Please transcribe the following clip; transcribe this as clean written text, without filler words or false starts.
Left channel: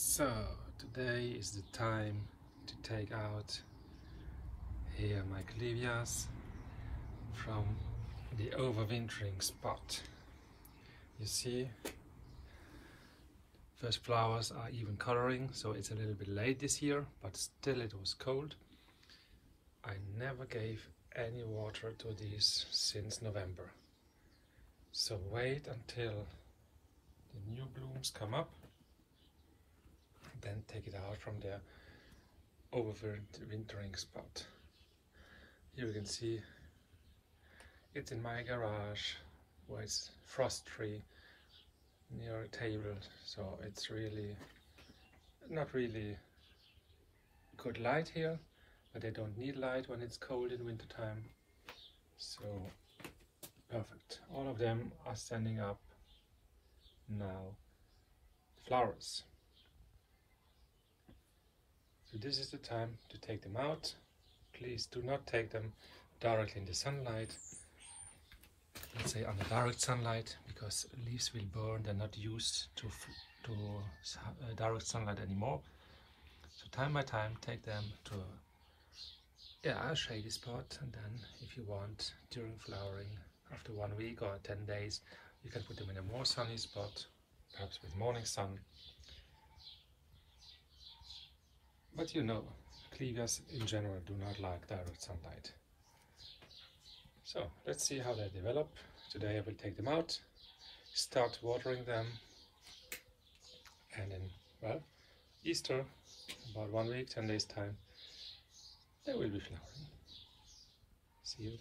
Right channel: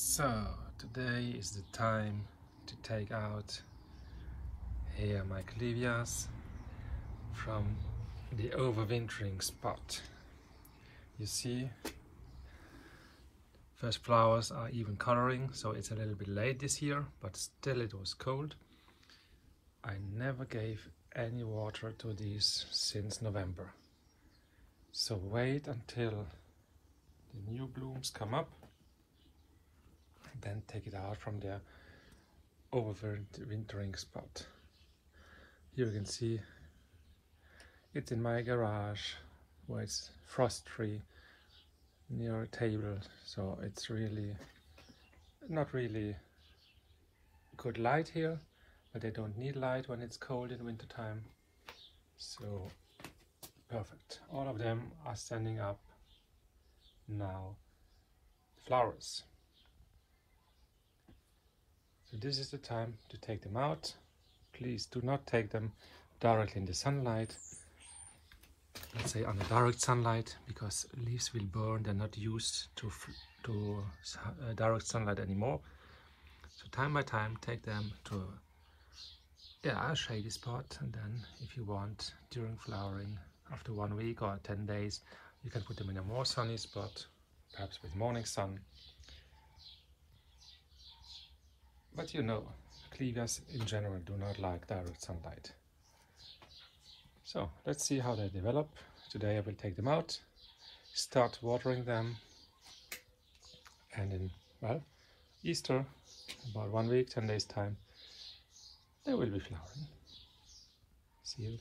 So today is the time to take out here my Clivias from the overwintering spot. You see, first flowers are even coloring, so it's a little bit late this year, but still it was cold. I never gave any water to these since November. So wait until the new blooms come up, then take it out from the overwintering spot. Here you can see it's in my garage where it's frost-free near a table, so it's really not really good light here, but they don't need light when it's cold in winter time. So perfect. All of them are standing up now, flowers. So this is the time to take them out. Please do not take them directly in the sunlight. Let's say under direct sunlight, because leaves will burn. They're not used to direct sunlight anymore. So time by time, take them to a shady spot, and then if you want, during flowering, after 1 week or 10 days, you can put them in a more sunny spot, perhaps with morning sun. But you know, Clivias in general do not like direct sunlight. So let's see how they develop. Today I will take them out, start watering them, and in, well, Easter, about 1 week, 10 days time, they will be flowering. See you.